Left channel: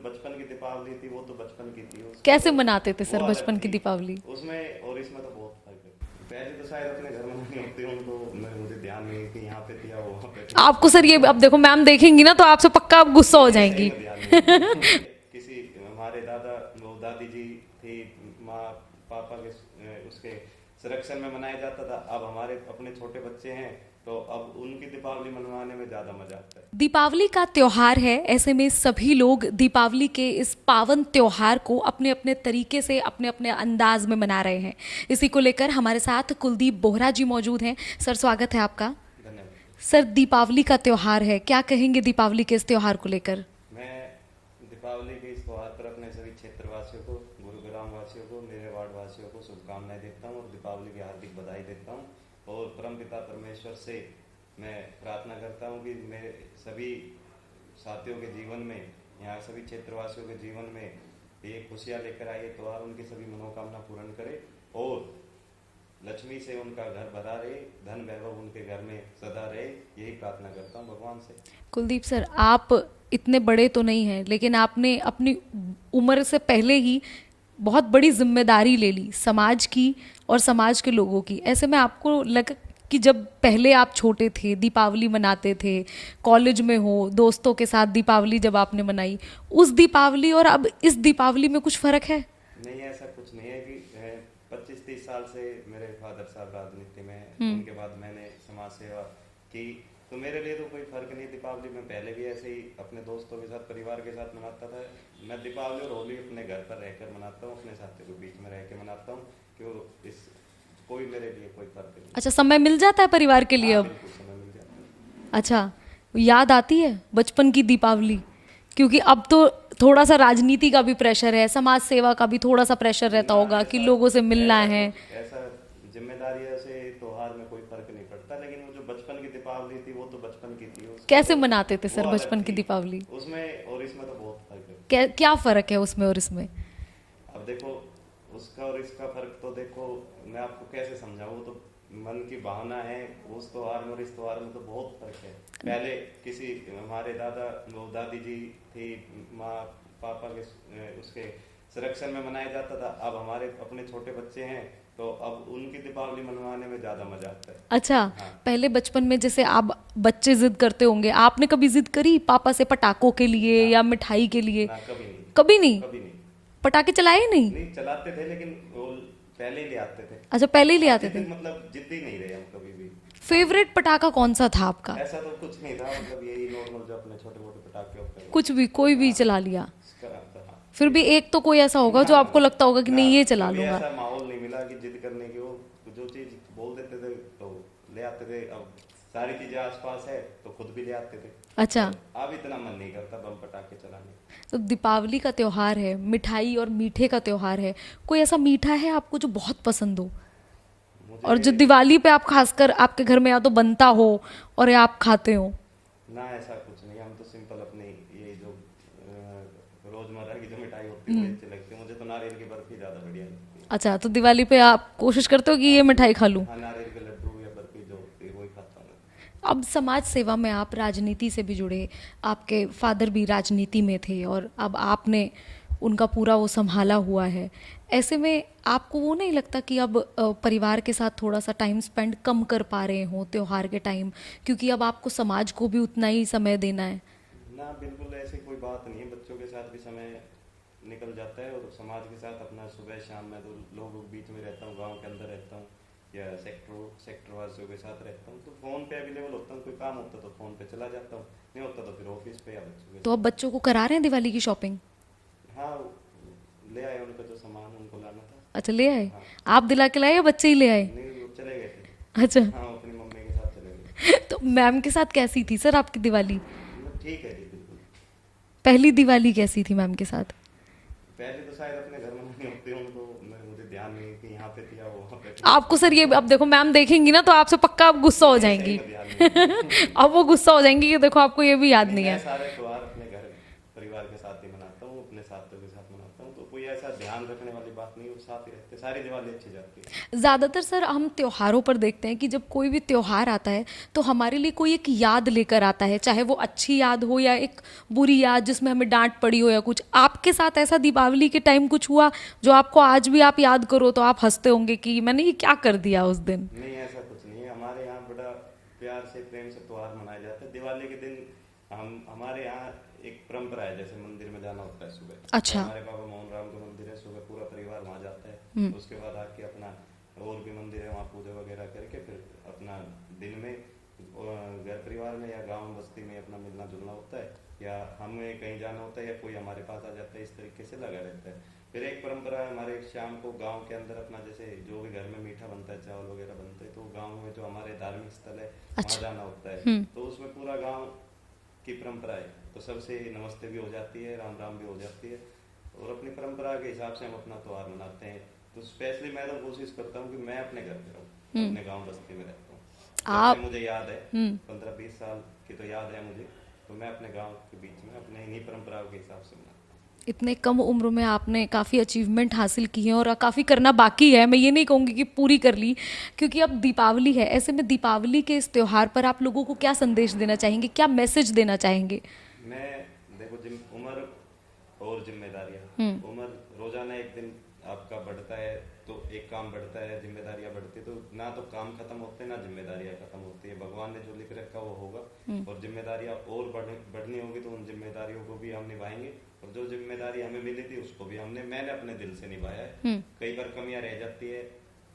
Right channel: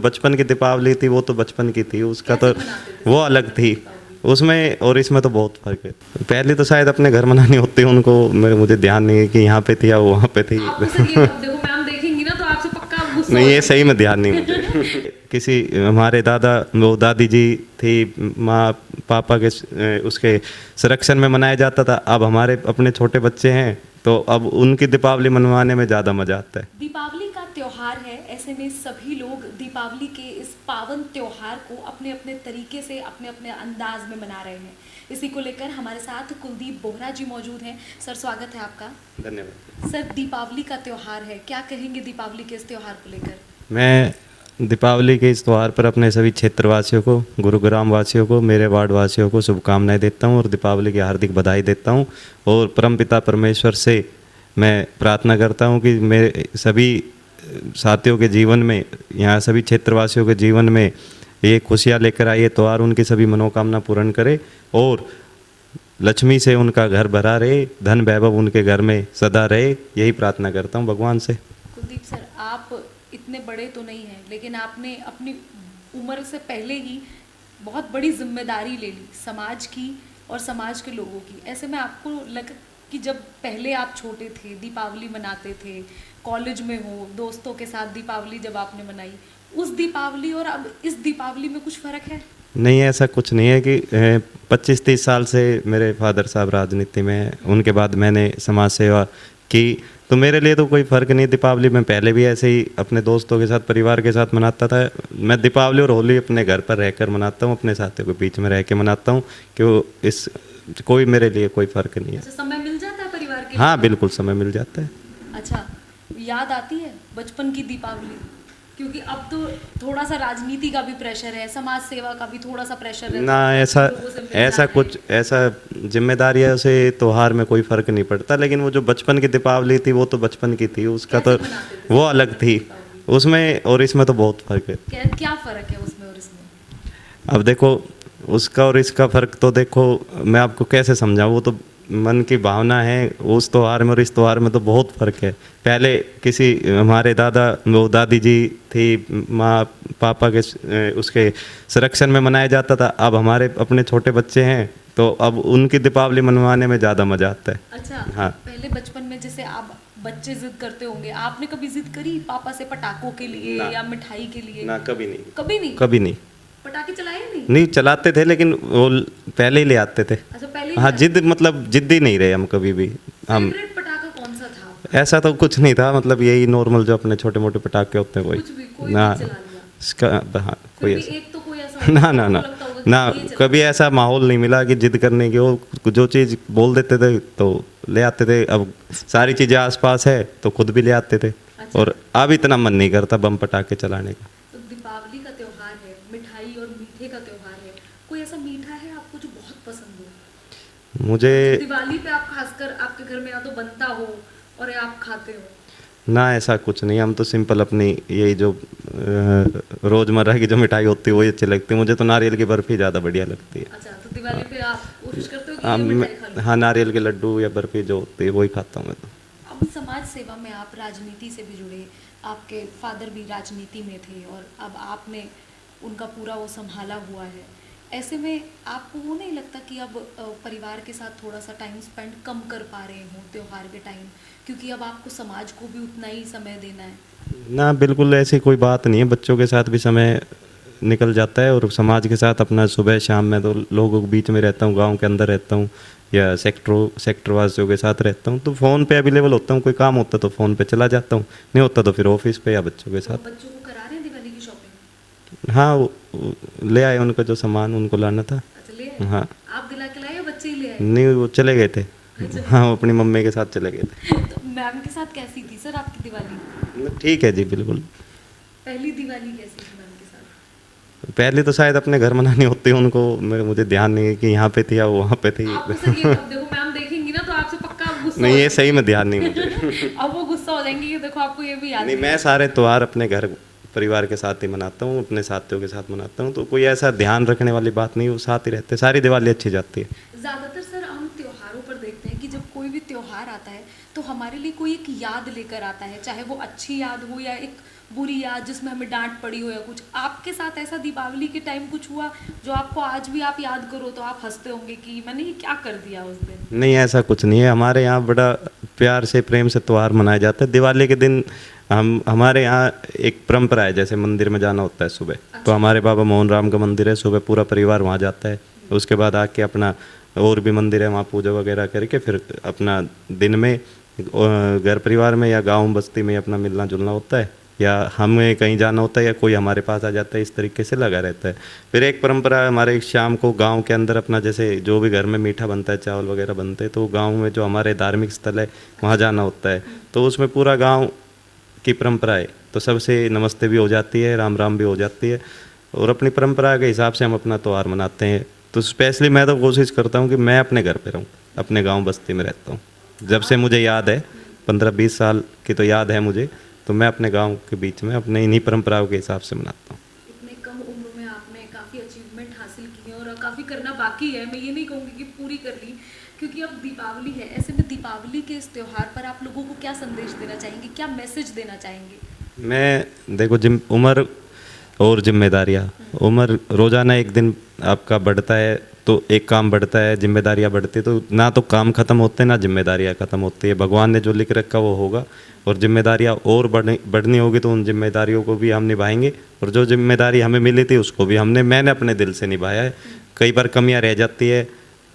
बचपन की दीपावली थी वो तो बचपन की थी, उसका कैसे तो मनाते थे वो सर अलग बचपन की थी दीपावली? उसमें और इसमें तो बहुत फर्क है। पहले तो शायद अपने घर मनानी होती उनको, मुझे ध्यान नहीं है कि यहाँ पे थी या वहाँ पे थी। आपको सर ये अब देखो मैम देखेंगी ना तो आपसे पक्का आप गुस्सा हो नहीं, ये सही जाएंगी। में ध्यान नहीं मुझे। किसी हमारे दादी जी थी, माँ पापा के उसके संरक्षण में मनाया जाता था। अब हमारे अपने छोटे बच्चे हैं तो अब उनकी दीपावली मनवाने में ज़्यादा मज़ा आता है। दीपावली का त्योहार है, ऐसे में सभी लोग दीपावली के इस पावन त्योहार को अपने अपने तरीके से अपने अपने अंदाज में मना रहे हैं। इसी को लेकर हमारे साथ कुलदीप बोहरा जी मौजूद हैं। सर स्वागत है आपका। धन्यवाद। सर दीपावली का त्योहार है, क्या कहेंगे दीपावली के इस त्योहार को लेकर? मैं दीपावली के इस त्यौहार पर अपने सभी क्षेत्रवासियों को, गुरुग्राम वासियों को, मेरे वार्ड वासियों को शुभकामनाएं देता हूं और दीपावली की हार्दिक बधाई देता हूं। और परमपिता परमेश्वर से मैं प्रार्थना करता हूं कि मेरे सभी साथियों के जीवन में, यहाँ सभी क्षेत्रवासियों के जीवन में ये खुशियाँ लेकर आए, ये त्यौहार उनकी सभी मनोकामना पूर्ण करे और लक्ष्मी से उनका घर भरा रहे, धन वैभव उनके घर में सदा रहे, यही प्रार्थना करता हूँ भगवान से। कुलदीप सर, आप इतने बड़े तो नहीं हैं, लेकिन आपने अपनी उम्र से पहले ही बहुत बड़ी जिम्मेदारी ले ली समाज की और समाज के लोगों की। ऐसे में आपको लगा कि जब पहले आप छोटे थे, दीपावली मनाते थे, कॉलेज में हो, दोस्तों के साथ दीपावली जब आपने मनाई, उस दीपावली और अब इस दीपावली में कुछ फ़र्क है? नहीं, ऐसा कुछ नहीं है कि 25-30 साल से मेरे फादर साहब राजनीति में हैं, उनके बाद मैंने समाज सेवा की, तो मेरे लिए तो कोई फ़र्क नहीं। दीपावली मैं पहले भी ऐसे ही अपने दोस्तों के साथ, परिवार के साथ मनाता था। मैं दीपावली और होली अपने घर पर रहकर मनाता हूँ, अपने साथियों के बीच में रह के मनाता हूँ, कि इस कोई मेरे लिए कोई फ़र्क नहीं है। अच्छा, समय मिल जाता है परिवार के लिए? हाँ, अब? बिल्कुल समय मिल जाता है। अच्छा, याद आती है बचपन की दीपावली? क्योंकि अब तो थोड़ा सा राजनीति का भी प्रेशर है, समाज सेवा का भी थोड़ा सा प्रेशर रहता ना, होगा कि लोगों से मिलना ऐसा है। कुछ ऐसा जिम्मेदारियों से त्योहार में कोई फर्क नहीं पड़ता, लेकिन वो जो बचपन की दीपावली थी वो तो बचपन की थी, उसका कैसे तो मनाते थे वो सर अलग बचपन की थी। दीपावली? उसमें और इसमें तो बहुत फर्क है। क्या फर्क है उसमें और इसमें? अब देखो, उसका और इसका फर्क तो देखो, मैं आपको कैसे समझाऊं, वो तो मन की भावना है। उस त्योहार में और इस त्योहार में तो बहुत फर्क है। पहले किसी हमारे दादी जी थी, माँ पापा के उसके संरक्षण में मनाया जाता था। अब हमारे अपने छोटे बच्चे हैं तो अब उनकी दीपावली मनवाने में ज़्यादा मज़ा आता है। अच्छा, हाँ। पहले बचपन में जैसे आप बच्चे जिद करते होंगे, आपने कभी जिद करी पापा से पटाखों के लिए या मिठाई के लिए? ना, कभी नहीं। कभी नहीं? कभी नहीं। पटाखे चलाए नहीं? नहीं, चलाते थे लेकिन वो पहले ही ले आते थे। अच्छा, पहले ही हाँ, ले आते जिद मतलब जिद्दी नहीं रहे हम कभी भी। हम फेवरेट पटाखा कौन सा था आपका? ऐसा तो कुछ नहीं था, मतलब यही नॉर्मल जो अपने छोटे मोटे पटाखे होते हैं वही। कुछ भी, कोई ना, भी चला लिया? इसका हाँ, फिर कोई भी ऐसा- एक तो कोई ऐसा होगा ना जो ना आपको ना लगता होगा कि ना, नहीं ये चला कभी लूंगा। ऐसा माहौल नहीं मिला कि जिद करने की। वो जो चीज़ बोल देते थे तो ले आते थे। अब सारी चीज़ें आसपास है तो खुद भी ले आते थे। अच्छा। और अब इतना मन नहीं करता बम पटाखे चलाने का। तो दीपावली का त्योहार है, मिठाई और मीठे का त्योहार है, कोई ऐसा मीठा है आपको जो बहुत पसंद हो मुझे और जो दिवाली पे आप खासकर आपके घर में या तो बनता हो और या आप खाते हो? ना, ऐसा कुछ नहीं। हम तो सिंपल अपनी यही जो रोज़मर्रा की जो मिठाई होती है वही अच्छी लगती है। मुझे तो नारियल की बर्फ़ी ज़्यादा बढ़िया लगती है। अच्छा, तो दिवाली पे आप कोशिश करते हो कि ये मिठाई खा लूं? हाँ, नारियल के लड्डू या बर्फ़ी जो होती है वही खाता हूँ मैं तो। अब समाज सेवा में आप राजनीति से भी जुड़े, आपके फादर भी राजनीति में थे और अब आपने उनका पूरा वो संभाला हुआ है। ऐसे में आपको वो नहीं लगता कि अब परिवार के साथ थोड़ा सा टाइम स्पेंड कम कर पा रहे हो त्योहार के टाइम, क्योंकि अब आपको समाज को भी उतना ही समय देना है? ना, बिल्कुल ऐसी कोई बात नहीं है। बच्चों के साथ भी समय निकल जाता है और समाज के साथ अपना सुबह शाम में तो लोगों के बीच में रहता हूँ, गांव के अंदर रहता हूँ या सेक्टर वासियों के साथ रहता हूँ, तो फ़ोन पे अवेलेबल होता हूँ। कोई काम होता तो फ़ोन पे चला जाता हूँ, नहीं होता तो फिर ऑफिस पे या बच्चों के तो साथ। अब बच्चों को करा रहे हैं दिवाली की शॉपिंग? हाँ, वो ले आए, उनका जो सामान उनको लाना था। अच्छा, ले आए? हाँ। आप दिला के लाए या बच्चे ही ले आए? नहीं, वो चले गए थे। अच्छा। हाँ, वो अपनी मम्मी के साथ चले गए थे। तो मैम के साथ कैसी थी सर आपकी दिवाली? ठीक है जी, बिल्कुल। पहली दिवाली कैसी थी मैम के साथ? पहले तो शायद अपने घर मनानी होती उनको, मुझे ध्यान नहीं है कि यहाँ पे थी या वहाँ पे थी। आपको सर ये अब देखो मैम देखेंगी ना तो आपसे पक्का आप गुस्सा नहीं, हो ये सही जाएंगी। में ध्यान नहीं मुझे। अब वो गुस्सा हो जाएंगी कि देखो आपको ये भी याद नहीं, नहीं मैं है। सारे त्योहार अपने घर परिवार के साथ ही मनाता हूँ, अपने साथियों के साथ मनाता हूँ। तो कोई ऐसा ध्यान रखने वाली बात नहीं, वो साथ ही रहते, सारी दिवाली अच्छी जाती है। ज़्यादातर सर हम त्योहारों पर देखते हैं कि जब कोई भी त्योहार आता है तो हमारे लिए कोई एक याद लेकर आता है, चाहे वो अच्छी याद हो या एक बुरी याद जिसमें हमें डांट पड़ी हो या कुछ। आपके साथ ऐसा दीपावली के टाइम कुछ हुआ जो आपको आज भी आप याद करो तो आप हंसते होंगे कि मैंने ये क्या कर दिया उस दिन? नहीं, ऐसा कुछ नहीं है। हमारे यहाँ बड़ा प्यार से, प्रेम से त्यौहार मनाया जाता है। दिवाली के दिन हमारे यहाँ एक परंपरा है, जैसे मंदिर में जाना होता है सुबह। अच्छा। तो हमारे बाबा मोहन राम का मंदिर है, सुबह पूरा परिवार वहाँ जाता है। उसके बाद आके अपना और भी मंदिर है, वहाँ पूजा वगैरह करके फिर अपना दिन में घर परिवार में या गांव बस्ती में अपना मिलना जुलना होता है, या हमें कहीं जाना होता है या कोई हमारे पास आ जाता है, इस तरीके से लगा रहता है। फिर एक परंपरा है हमारे, शाम को गांव के अंदर अपना जैसे जो भी घर में मीठा बनता है, चावल वगैरह बनते हैं, तो गांव में जो हमारे धार्मिक स्थल है वहाँ जाना होता है। तो उसमें पूरा गांव की परंपरा है, तो सबसे नमस्ते भी हो जाती है, राम राम भी हो जाती है, और अपनी परंपरा के हिसाब से हम अपना त्यौहार मनाते हैं। तो स्पेशली मैं तो कोशिश करता हूँ कि मैं अपने घर पे रहूँ, अपने गाँव बस्ती में रहता हूँ। जब से मुझे याद है, 15-20 साल की तो याद है मुझे, तो मैं अपने गांव के बीच में अपने इन्हीं परंपराओं के हिसाब से मनाता हूँ। इतने कम उम्र में आपने काफ़ी अचीवमेंट हासिल की है और काफ़ी करना बाकी है। मैं ये नहीं कहूँगी कि पूरी कर ली, क्योंकि अब दीपावली है। ऐसे में दीपावली के इस त्यौहार पर आप लोगों को क्या संदेश देना चाहेंगे, क्या मैसेज देना चाहेंगे? मैं देखो, उम्र और जिम्मेदारियाँ, उम्र रोजाना एक दिन आपका बढ़ता है तो एक काम बढ़ता है, जिम्मेदारियाँ बढ़ती है, तो ना तो काम खत्म होते हैं ना जिम्मेदारियाँ खत्म होती है। भगवान ने जो लिख रखा वो होगा, और जिम्मेदारियाँ और बढ़नी होगी तो उन जिम्मेदारियों को भी हम निभाएंगे, और जो जिम्मेदारी हमें मिली थी उसको भी मैंने अपने दिल से निभाया है। कई बार कमियाँ रह जाती है,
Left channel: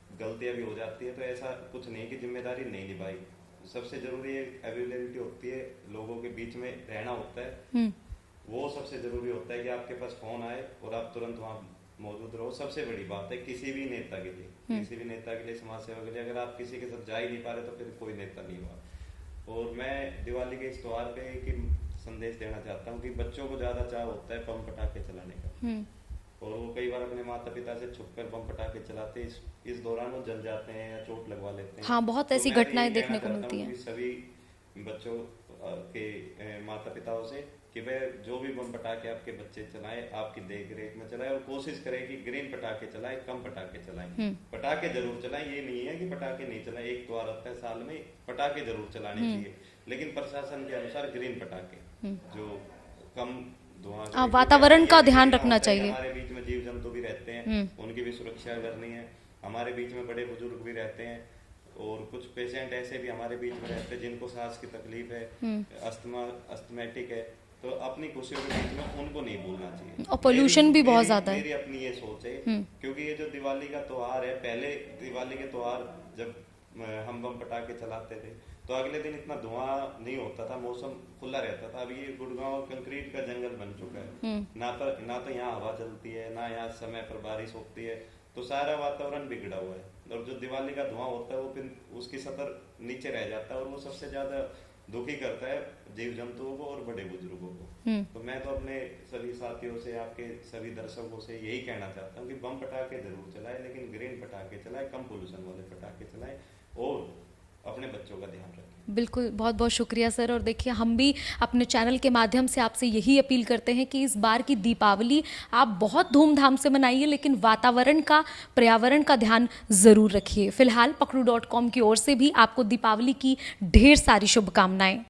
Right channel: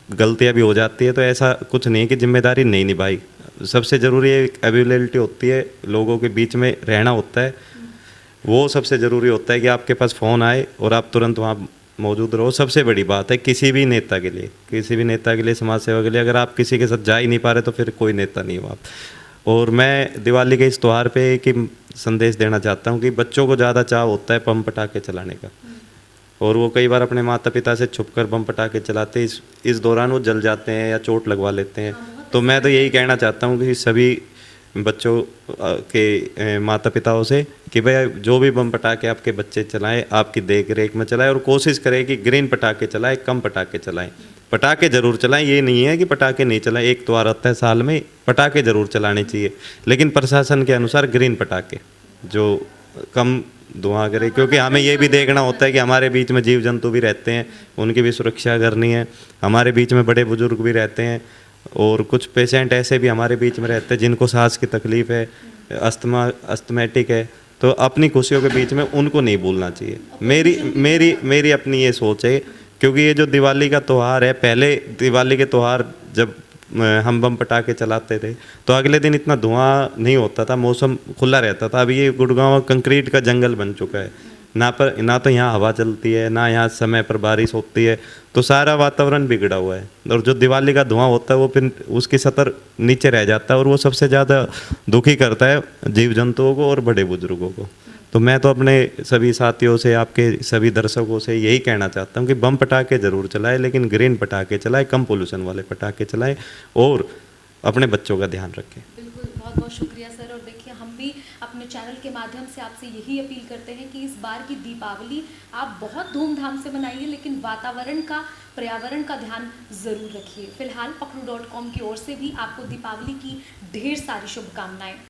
गलतियाँ भी हो जाती है, तो ऐसा कुछ नहीं कि जिम्मेदारी नहीं निभाई। सबसे ज़रूरी एक अवेलेबिलिटी होती है, लोगों के बीच में रहना होता है, वो सबसे ज़रूरी होता है कि आपके पास फ़ोन आए और आप तुरंत वहाँ मौजूद रहो। सबसे बड़ी बात है किसी भी नेता के लिए, समाज सेवा के लिए, अगर आप किसी के साथ जा ही नहीं पा रहे तो फिर कोई नेता नहीं हो आप। और मैं दिवाली के इस त्यौहार पे एक ही संदेश देना चाहता हूँ कि बच्चों को ज़्यादा चाव होता है बम पटाखे चलाने का, और वो कई बार अपने माता पिता से छुपकर बम पटाखे चलाते हैं। इस दौरान वो जल जाते हैं या चोट लगवा लेते हैं। हाँ, बहुत तो ऐसी मैं तो यही घटनाएं कहना देखने को चाहता हूँ मिलती कि सभी बच्चों के माता पिताओं से कि भाई जो भी बम पटाखे आपके बच्चे चलाएं, आपकी देख रेख में चलाएं, और कोशिश करें कि ग्रीन पटाखे चलाएं, कम पटाखे चलाएं। पटाखे जरूर चलाएं, ये नहीं है कि पटाखे नहीं चलाएं, एक त्योहार आता है साल में, पटाखे जरूर चलाने चाहिए, लेकिन प्रशासन के अनुसार ग्रीन पटाखे जो कम धुआं करे, क्योंकि हमें ये भी देखना होता है कि हमारे बीच में जीव जंतु भी रहते हैं, उनकी भी सुरक्षा करनी है। हमारे बीच में बड़े बुजुर्ग भी रहते हैं, और कुछ पेशेंट ऐसे भी हमारे बीच में रहते हैं जिनको सांस की तकलीफ है, अस्थमैटिक है, तो अपनी खुशियों के बीच में उनको नहीं भूलना चाहिए। मेरी अपनी ये सोच है, क्योंकि ये जो दिवाली का त्यौहार है, पहले दिवाली के त्यौहार जब हम बम पटाखे चलाते थे तो अगले दिन इतना धुआं नहीं होता था, मौसम खुला रहता था। अभी ये गुड़गांव कंक्रीट का जंगल बन चुका है, ना तो यहाँ हवा चलती है, ना यहाँ समय पर बारिश होती है, तो सारा वातावरण बिगड़ा हुआ है। और जो दिवाली का धुआं होता है वो फिर उसकी सतर नीचे रह जाता है, और वो सबसे ज़्यादा दुखी करता है जीव जंतुओं को और बड़े बुजुर्गों को। तो मैं तो अपने सभी साथियों से, आपके सभी दर्शकों से यही कहना चाहता हूँ कि बम पटाखे ज़रूर चलाएं, लेकिन ग्रीन पटाखे चलाएं, कम पोल्यूशन वाले पटाखे चलाएं, और अपने बच्चों का ध्यान रखें। बिल्कुल, बहुत बहुत शुक्रिया सर। और देखिए, हम भी अपने चैनल के माध्यम से आपसे यही अपील करते हैं कि इस बार की दीपावली आप बहुत धूमधाम से मनाइए, लेकिन वातावरण का, पर्यावरण का ध्यान ज़रूर रखिए। फिलहाल पखरू.com की ओर से भी आपको दीपावली की ढेर सारी शुभकामनाएं।